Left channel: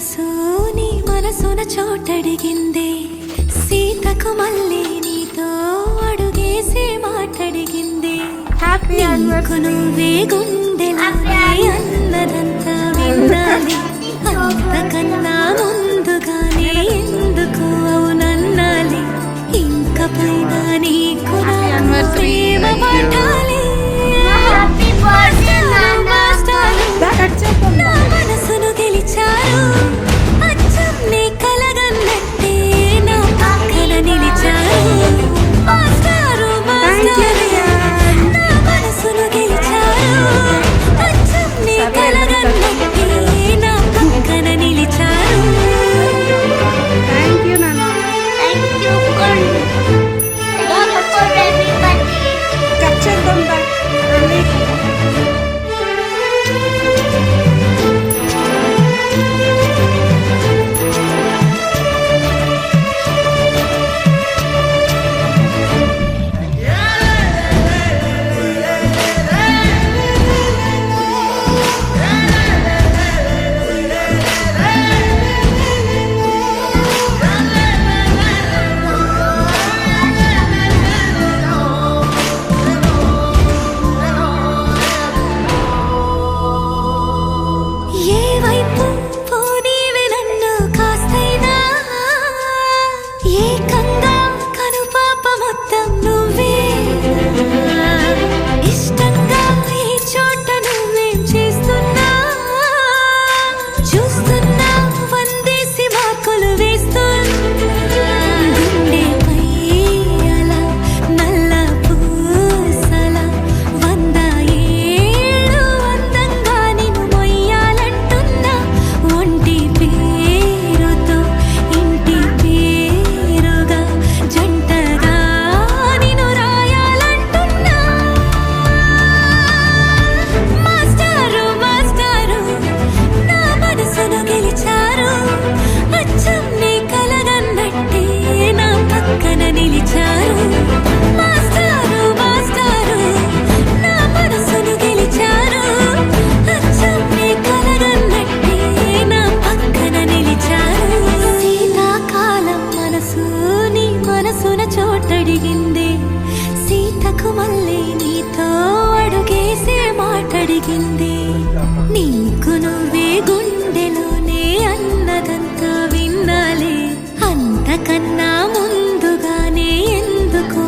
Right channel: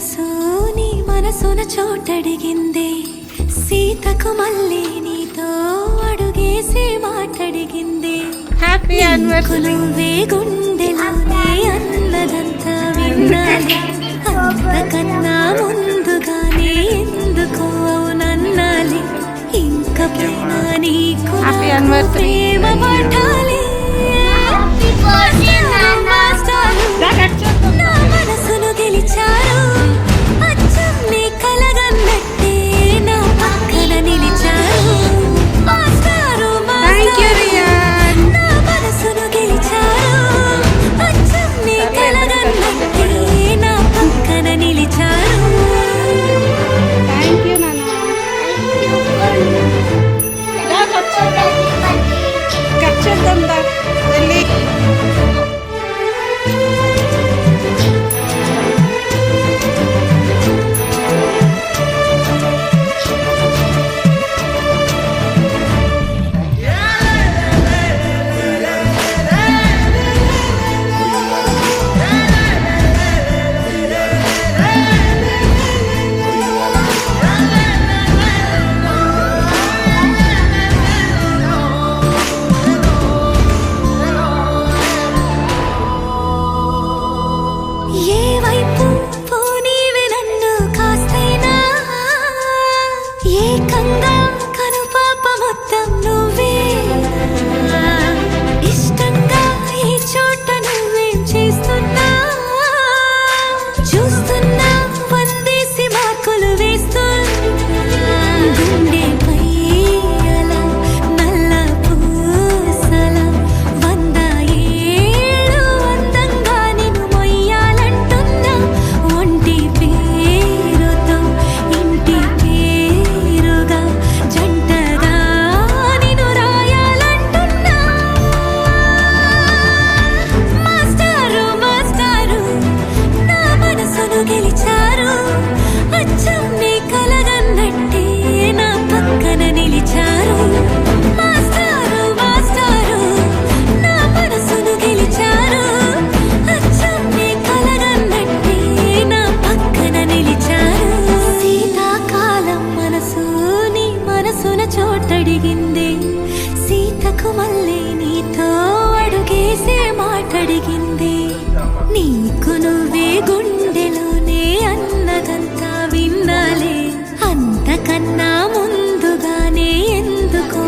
మనసు నీ మనసున చోటడిగిందే సీతకు మళ్ళీ నీతో అడుగేసి మాటడిగిందే హ్యాపీ నువ్వే గుండెలోనే అన్నదంతా విన్నాలి అంతకన్నా ముందుగానే ఎందుకు అవునన్నాలి ఇంక పైన నీకు నాకు ప్రేమ పట్టాలి నా మనసును గెలిచారు అచ్చం నీ కలగన్నట్టే నా పక్కన నిలిచారు మాస్టారు మాస్టారు నా మనసును గెలిచారు అచ్చం నీ కలగన్నట్టే నా పక్కన నిలిచారు థ్యాంక్ యూ నాన్న. కట్ చేద్దాం దా వెళ్ళి. ఏ వైపు పోనీవి నన్ను కాస్తైనా ఏకంగా కనుపాప మొత్తం నువ్వే ఇష్టంగా ఏ చోట నువ్వేం చేస్తున్నా చూస్తున్నా వందేసి మార్కులు వేస్తున్నా గుండెపై అలా నల్ల పూసల 100 ఏళ్ళు అందంగా నిన్ను మొయ్యాలంటున్నా ఒంటి పేరుతో ఇంటి పేరుగా జంటగా నిన్ను రాయాలంటున్నా మాస్టారు మాస్టారు నా మనసును గెలిచారు అచ్చం నీ కలగన్నట్టే నా పక్కన నిలిచారు మాస్టారు మాస్టారు నా మనసును గెలిచారు అచ్చం నీ కలగన్నట్టే నా పక్కన నిలిచారు శీతాకాలం మనసు నీ మనసున చోటడిగిందే సీతకు మళ్ళీ నీతో అడుగేసే మాటడిగిందే నీకు నువ్వే గుండెలోనే అన్నదంతా విన్నాలే అంతకన్నా ముందుగానే ఎందుకు